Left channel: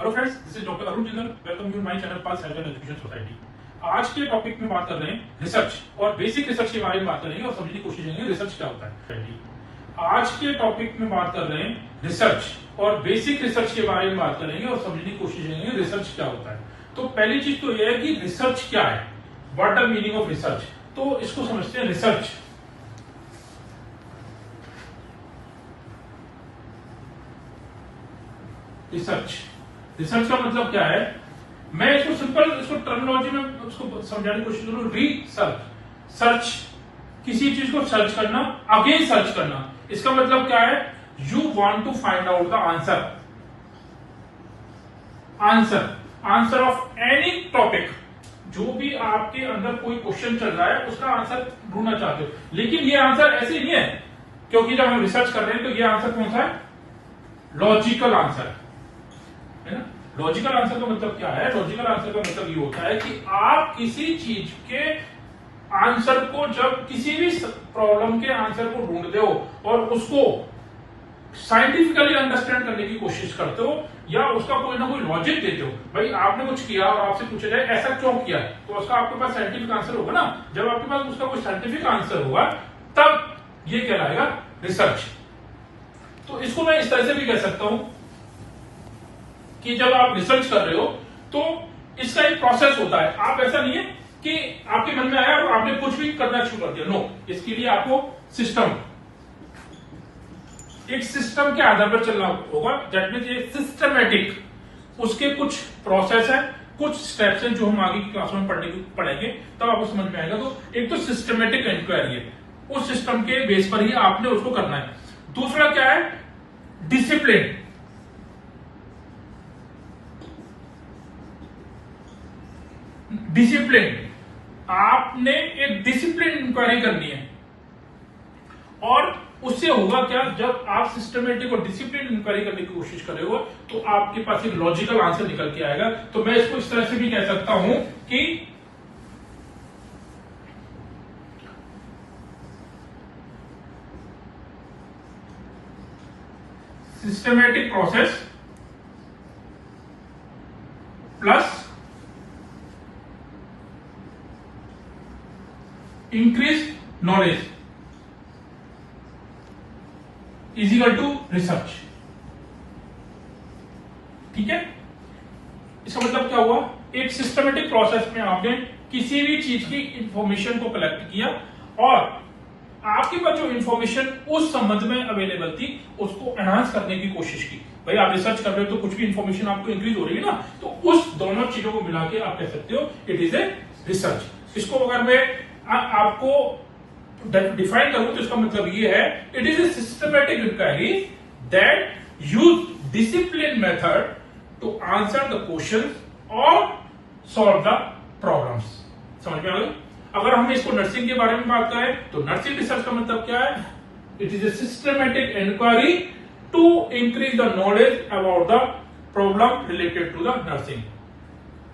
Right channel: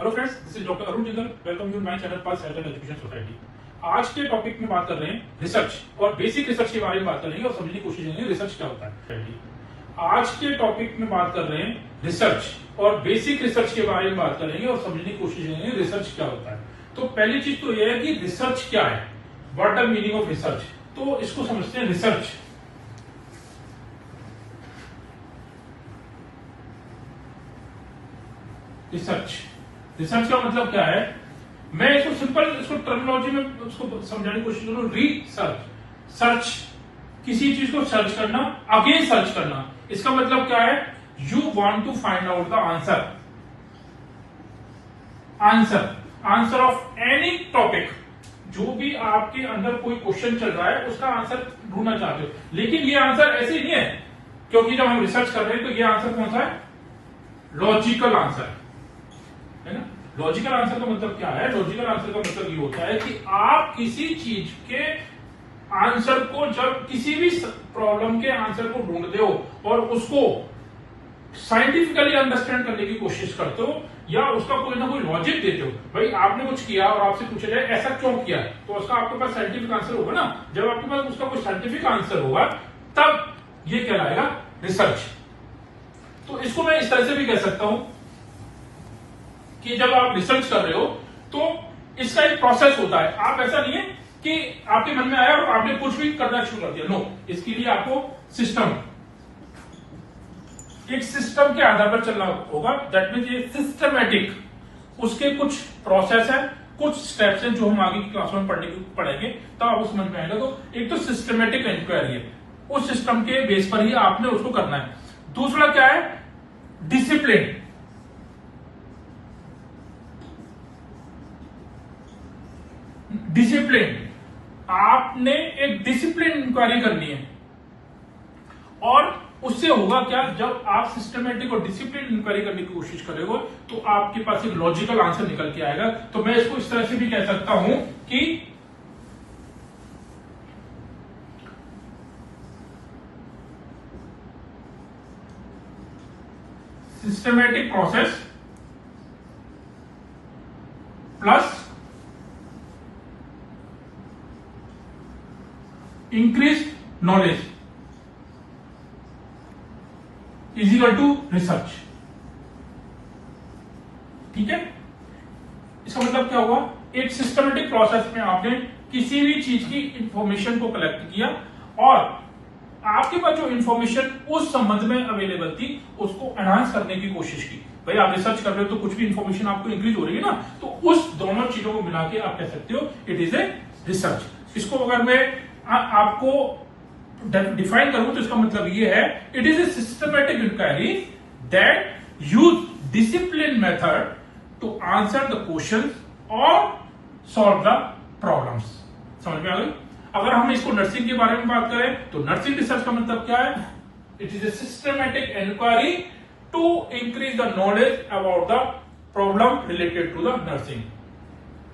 Hello friends, this is doctor Arun Jindal. Welcome you my channel pass health and education society. आज के topic में बात कर रहे हैं रिसर्च और बेसिक रिसर्च के बारे में बात करेंगे और समझने की कोशिश करेंगे रिसर्च क्या होता है। आज के टॉपिक में बात कर रहे हैं रिसर्च और बेसिक रिसर्च के बारे में बात करेंगे और समझने की कोशिश करेंगे रिसर्च क्या होता है। तो पहली चीज तो यह है कि रिसर्च क्या है, what the meaning of research. तो इसको समझते हैं। रिसर्च रिसर्च का मतलब क्या है, मैं इसको सिंपल टर्मिनोलॉजी में उसको समझाने की कोशिश करूं। रिसर्च, सर्च, किसी चीज को सर्च करना, अगेन सर्च करना। इसका मतलब क्या है, you want to find out the answer of any topic. जो भी आपके अंदर कोई क्वेश्चन चल रहा है उसका आंसर ढूंढना चाहते हो, लेकिन ये आंसर ऐसे नहीं है, क्योंकि जब हम रिसर्च कर रहे हैं तो ये आंसर कौन सा है, लॉजिकल आंसर है ना। लॉजिकल आंसर का मतलब क्या है, लॉजिकल आंसर का मतलब ये होता है कि आप किसी चीज के आंसर को, जब किसी भी प्रॉब्लम के आंसर को ढूंढते हो और उसको साइंटिफिकली अंडरस्टैंड करने की कोशिश करते हो या उसका कोई ना कोई लॉजिक देते हो। भाई आपने कुछ किया और आपसे पूछा जाए ऐसा क्यों किया, तो उसका आपके पास साइंटिफिक आंसर होगा ना। जब आपके पास उसका कोई साइंटिफिक आंसर होगा तब ये कहलाएगा रिसर्च। तो इसको मैं इस तरह से भी कह सकता हूं कि जब आप रिसर्च कर रहे हो तो इसका एक प्रोसेस होता है। आप ऐसा नहीं है कि आपके मन में आया और आपने कुछ भी करना शुरू कर दिया, नो। इसके लिए आपको एक सिस्टम के आधार पर चलना होगा। दैट मीन्स ये सिस्टमैटिक, उसके कुछ प्रोसेस है, कुछ स्टेप्स हैं जो हम आगे की क्लास में पढ़ेंगे तो आपको समझ में आएगा। तो एक तो सिस्टमैटिक इंक्वायरी है, उस सिस्टम के बेस पर ही आपने उसको करना है। दूसरा क्या है, डिसिप्लिन। आपने एक डिसिप्लिन इंक्वायरी करनी है और उससे होगा क्या, जब आप सिस्टमेटिक और डिसिप्लिन इंक्वायरी करने की कोशिश करोगे तो आपके पास एक लॉजिकल आंसर निकल के आएगा। तो मैं इसको इस तरह से भी कह सकता हूं कि systematic process plus increase knowledge is equal to research. ठीक है, इसका मतलब क्या हुआ, एक सिस्टमेटिक प्रोसेस में आपने किसी भी चीज की इंफॉर्मेशन को कलेक्ट किया और आपके पास जो इंफॉर्मेशन उस संबंध में अवेलेबल थी उसको एनहांस करने की कोशिश की। भाई आप रिसर्च कर रहे हो तो कुछ भी इंफॉर्मेशन आपको इंक्रीज हो रही है ना, तो उस दोनों चीजों को मिला के आप कह सकते हो इट इज ए रिसर्च। इसको अगर मैं आपको डिफाइन करूं तो इसका मतलब ये है, it is a systematic inquiry that use discipline method to answer the question और सॉल्व द प्रॉब्लम्स। समझ में आ गई। अगर हम इसको नर्सिंग के बारे में बात करें तो नर्सिंग रिसर्च का मतलब क्या है, it is a systematic inquiry to increase the knowledge about the problem related to the nursing.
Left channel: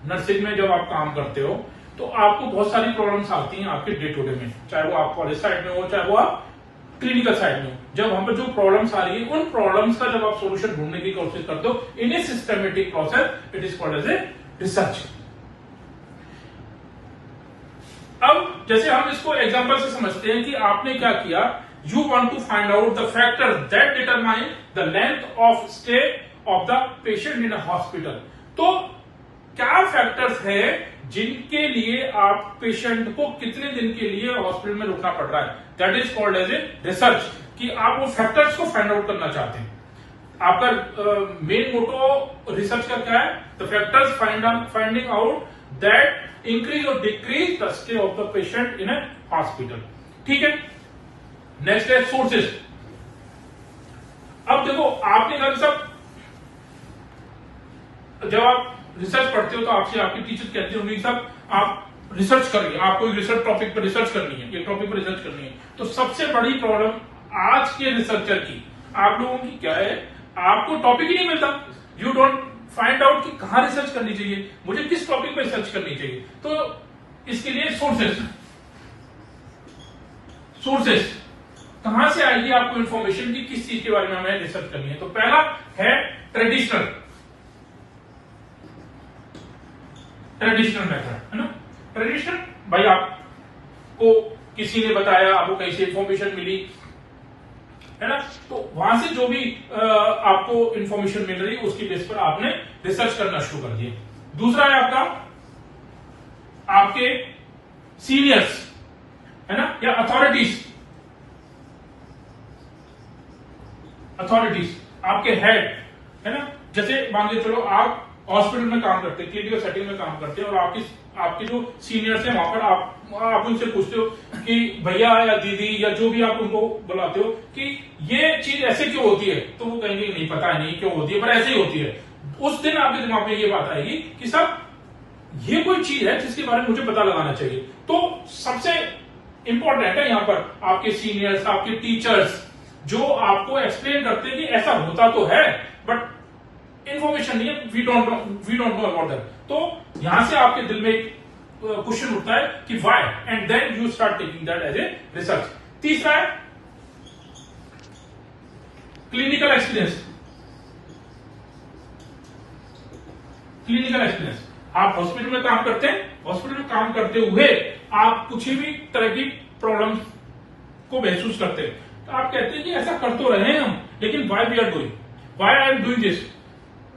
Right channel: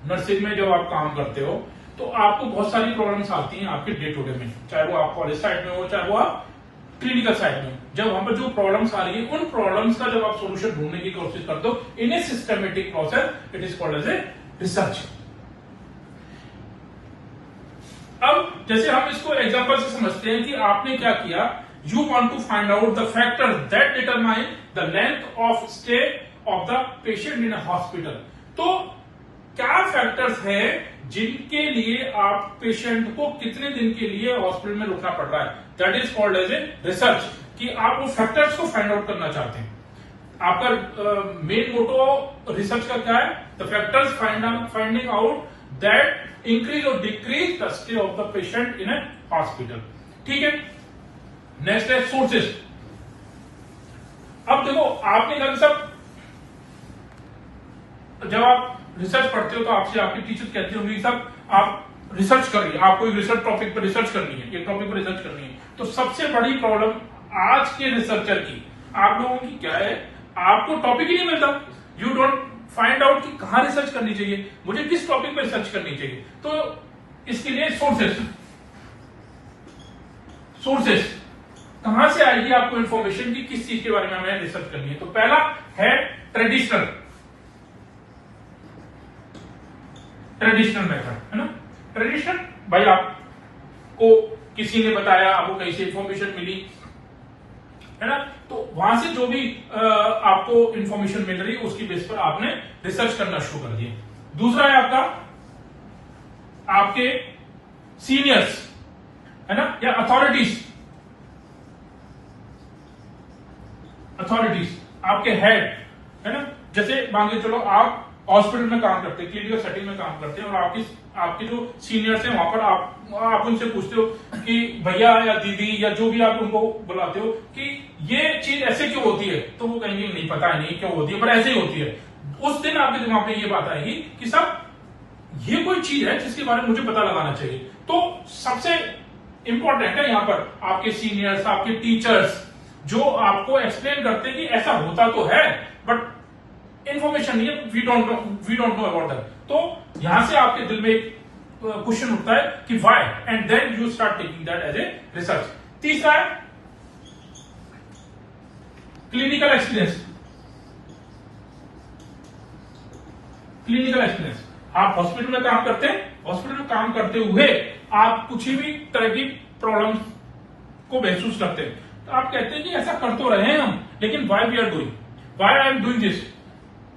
Nursing में जब आप काम करते हो तो आपको बहुत सारी प्रॉब्लम्स आती हैं आपके डे टू डे में, चाहे वो आप कॉलेज साइड में हो चाहे वो आप क्लिनिकल साइड में हो। जब वहां पर जो प्रॉब्लम्स आ रही है उन प्रॉब्लम्स का जब आप सोल्यूशन ढूंढने की कोशिश करते हो in a systematic process, it is called as a research. अब जैसे हम इसको एग्जांपल से समझते हैं कि आपने क्या किया, you want to find out the factors that determine the length of stay of the patient in a hospital. तो क्या फैक्टर्स है जिनके लिए आप पेशेंट को कितने दिन के लिए हॉस्पिटल में रुकना पड़ रहा है, that is called as a research. कि आप वो फैक्टर्स को फाइंड आउट करना चाहते हैं। आपका मेन मोटो रिसर्च का क्या है, the factors finding out that increase और decrease the stay of the patient in a hospital. ठीक है, नेक्स्ट है सोर्सेस। अब देखो आपने कहा सब, जब आप रिसर्च पढ़ते हो तो आपसे आपके टीचर कहते होंगे कि साहब आप रिसर्च करिए, आपको एक रिसर्च टॉपिक पर रिसर्च करनी है, एक टॉपिक पर रिसर्च करनी है। तो सबसे बड़ी प्रॉब्लम आज के रिसर्चर की, आप लोगों की क्या है, आपको टॉपिक ही नहीं मिलता। यू डोंट फाइंड आउट कि कहां रिसर्च करनी चाहिए, मुझे किस टॉपिक पर रिसर्च करनी चाहिए। तो इसके लिए सोर्सेस कहां से आएगी आपको इंफॉर्मेशन की किस चीज के बारे में हमें रिसर्च करनी है। तो पहला है ट्रेडिशनल ट्रेडिशनल मेथड है ना। ट्रेडिशनल भाई आपको किसी ने बताया, आपको कहीं से इंफॉर्मेशन मिली है ना, तो वहां से जो भी आपको इंफॉर्मेशन मिल रही है उसकी बेस पर आपने रिसर्च करना शुरू कर दिया। दूसरा है आपका आपके सीनियर्स है ना, या अथॉरिटीज आपके हेड है ना। जैसे मान लीजिए चलो आप हॉस्पिटल में काम करते हैं, क्लिनिकल सेटिंग में काम करते हैं, और आपके जो सीनियर्स हैं वहां पर आप उनसे पूछते हो कि भैया या दीदी या जो भी आप उनको बुलाते हो कि ये चीज ऐसे क्यों होती है, तो वो कहेंगे नहीं पता है, नहीं क्यों होती है, पर ऐसे ही होती है। उस दिन आपके दिमाग में ये बात आएगी कि साहब ये कोई चीज है जिसके बारे में मुझे पता लगाना चाहिए। तो सबसे इंपॉर्टेंट है यहां पर आपके सीनियर्स, आपके टीचर्स जो आपको एक्सप्लेन करते हैं कि ऐसा होता तो है बट इंफॉर्मेशन नहीं है, we don't know about that. तो यहां से आपके दिल में एक क्वेश्चन उठता है कि why, and then you start taking that as a research. तीसरा है क्लिनिकल एक्सपीरियंस। क्लिनिकल एक्सपीरियंस, आप हॉस्पिटल में काम करते हैं, हॉस्पिटल में काम करते हुए आप कुछ भी तरह की प्रॉब्लम को महसूस करते हैं, तो आप कहते हैं कि ऐसा कर तो रहे हैं हम, लेकिन why we are doing, why I am doing this.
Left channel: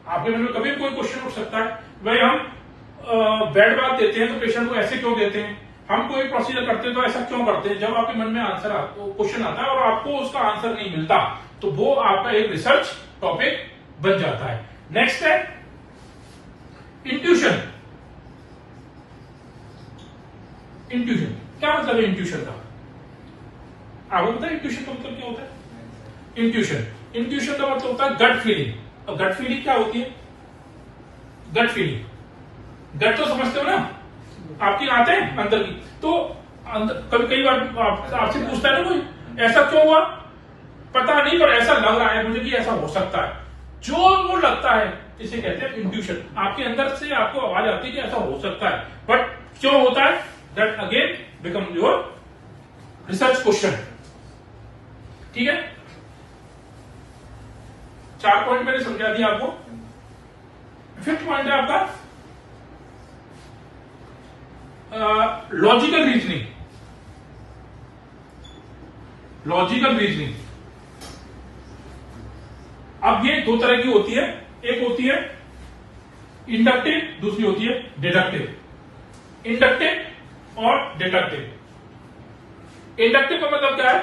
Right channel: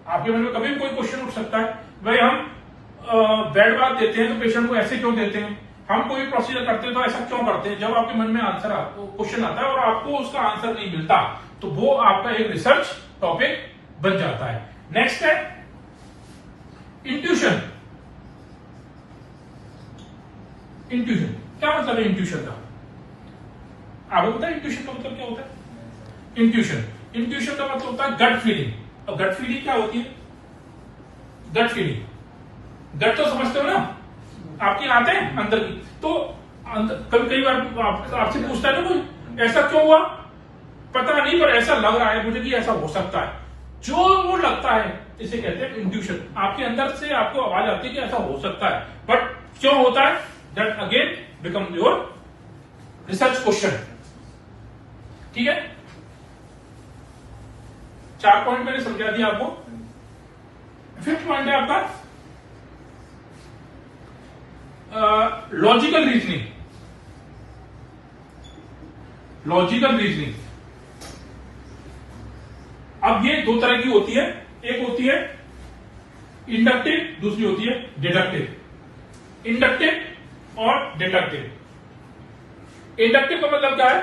आपके मन में कभी कोई क्वेश्चन उठ सकता है, भाई हम बेड बात देते हैं तो पेशेंट को ऐसे क्यों देते हैं, हम कोई प्रोसीजर करते हैं तो ऐसा क्यों करते हैं। जब आपके मन में आंसर क्वेश्चन आता है और आपको उसका आंसर नहीं मिलता, तो वो आपका एक रिसर्च टॉपिक बन जाता है। नेक्स्ट है इंट्यूशन। इंट्यूशन क्या मतलब है? इंट्यूशन का आपको पता है इंट्यूशन का मतलब क्या होता है? इंट्यूशन का मतलब होता है गट फीलिंग। और गट फीलिंग क्या होती है? गट फीलिंग, गट तो समझते हो ना, आपकी आते हैं अंदर की, तो कई बार आपसे पूछता है ना कोई ऐसा क्यों हुआ, पता नहीं पर ऐसा लग रहा है मुझे कि ऐसा हो सकता है, जो वो लगता है इसे कहते हैं इंट्यूशन। आपके अंदर से आपको आवाज आती है कि ऐसा हो सकता है, बट क्यों होता है, that again become your research question. ठीक है, 4 पॉइंट मैंने समझा दिया आपको। 5th पॉइंट है आपका लॉजिकल रीजनिंग। लॉजिकल रीजनिंग, अब ये 2 तरह की होती है, एक होती है इंडक्टिव, दूसरी होती है डिडक्टिव। इंडक्टिव और डिडक्टिव। इंडक्टिव का मतलब क्या है?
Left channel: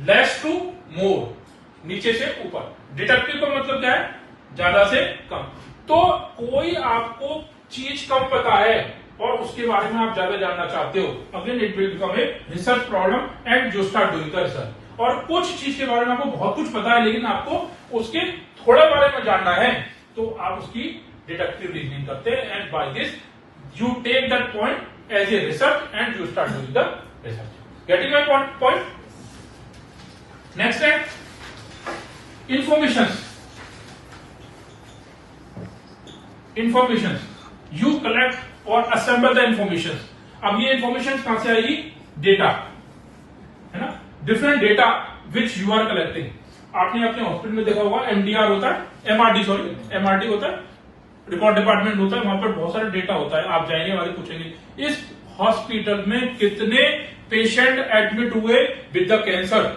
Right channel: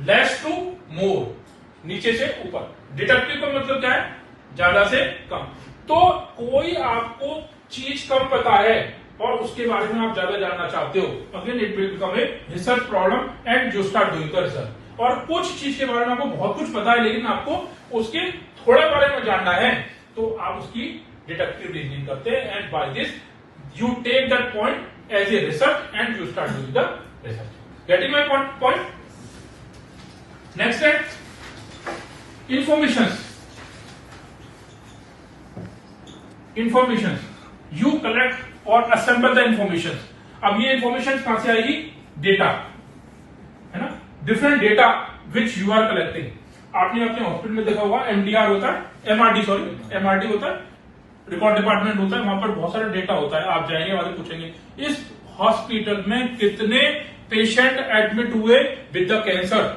लेस टू मोर, नीचे से ऊपर। डिडक्टिव का मतलब क्या है? ज्यादा से कम। तो कोई आपको चीज कम पता है और उसके बारे में आप ज्यादा जानना चाहते हो, again it will become a research problem and you start doing the research. और कुछ चीज के बारे में आपको बहुत कुछ पता है लेकिन आपको उसके थोड़े बारे में जानना है, तो आप उसकी डिडक्टिव रीजनिंग करते हैं, and by this you take that point as a research and you start doing the research. Getting my point? Next है इंफॉर्मेशन। इंफॉर्मेशन, यू कलेक्ट और असेंबल द इंफॉर्मेशन। अब ये इंफॉर्मेशन कहां से आएगी? डेटा है ना, different data which you are collecting. आपने अपने हॉस्पिटल में देखा होगा एमडीआर होता है, एमआरडी होता है, रिकॉर्ड डिपार्टमेंट होता है, वहां पर बहुत सारा डेटा होता है। आप जाएंगे वाले पूछेंगे इस हॉस्पिटल में कितने पेशेंट एडमिट हुए विद द कैंसर,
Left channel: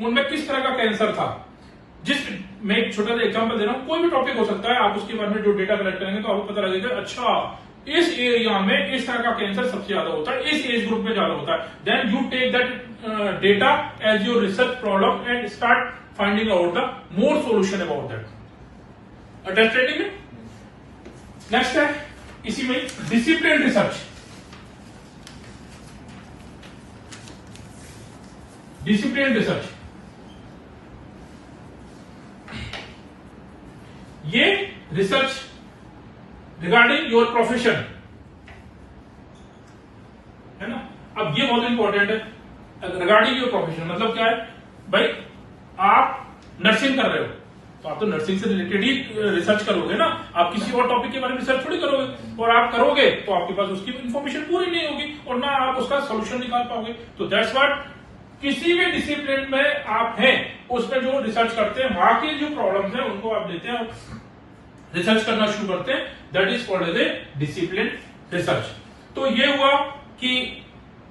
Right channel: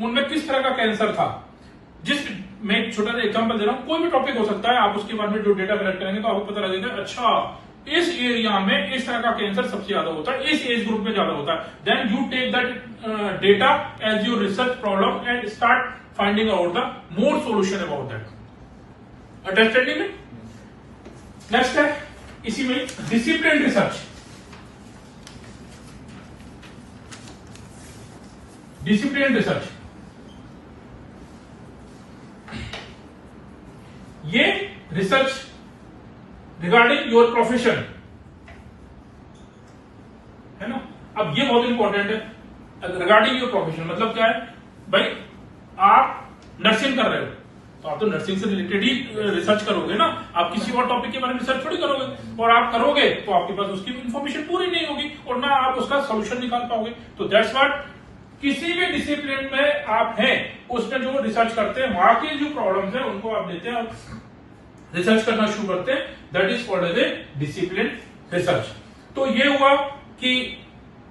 उनमें किस तरह का कैंसर था। जिस मैं एक छोटा सा एग्जांपल दे रहा हूं, कोई भी टॉपिक हो सकता है, आप उसके बारे में जो डेटा कलेक्ट करेंगे तो आपको पता लगेगा अच्छा इस एरिया में इस तरह का कैंसर सबसे ज्यादा होता है, इस एज ग्रुप में ज्यादा होता है। Then you take that data as your research problem and start finding out the more solution about that. Understanding? Next है इसी में डिसिप्लिन रिसर्च। डिसिप्लिन रिसर्च, ये रिसर्च रिगार्डिंग योर प्रोफेशन है ना। अब ये बहुत इंपॉर्टेंट है, रिगार्डिंग योर प्रोफेशन मतलब क्या है? भाई आप नर्सिंग कर रहे हो तो आप तो नर्सिंग से रिलेटेड ही रिसर्च करोगे ना, आप किसी और टॉपिक के बारे में रिसर्च थोड़ी करोगे, और आप करोगे तो आपके पास उसकी इंफॉर्मेशन पूरी नहीं होगी और ना आप उसका सोल्यूशन निकाल पाओगे। तो दैट्स व्हाट, किसी भी डिसिप्लिन में आप हैं उसमें जो रिसर्च करते हैं वहां की जो प्रॉब्लम्स हैं उनको आप लेते हैं रिसर्च करना शुरू करते हैं, that is called as a discipline research. तो ये हुआ कि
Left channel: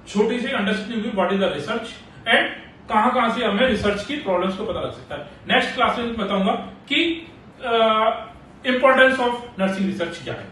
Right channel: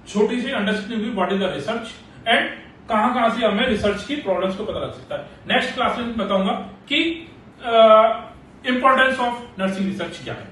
छोटी सी अंडरस्टैंडिंग हुई what is the research and कहां से हमें रिसर्च की प्रॉब्लम्स को पता लग सकता है। नेक्स्ट क्लास में बताऊंगा कि इंपॉर्टेंस ऑफ नर्सिंग रिसर्च क्या है।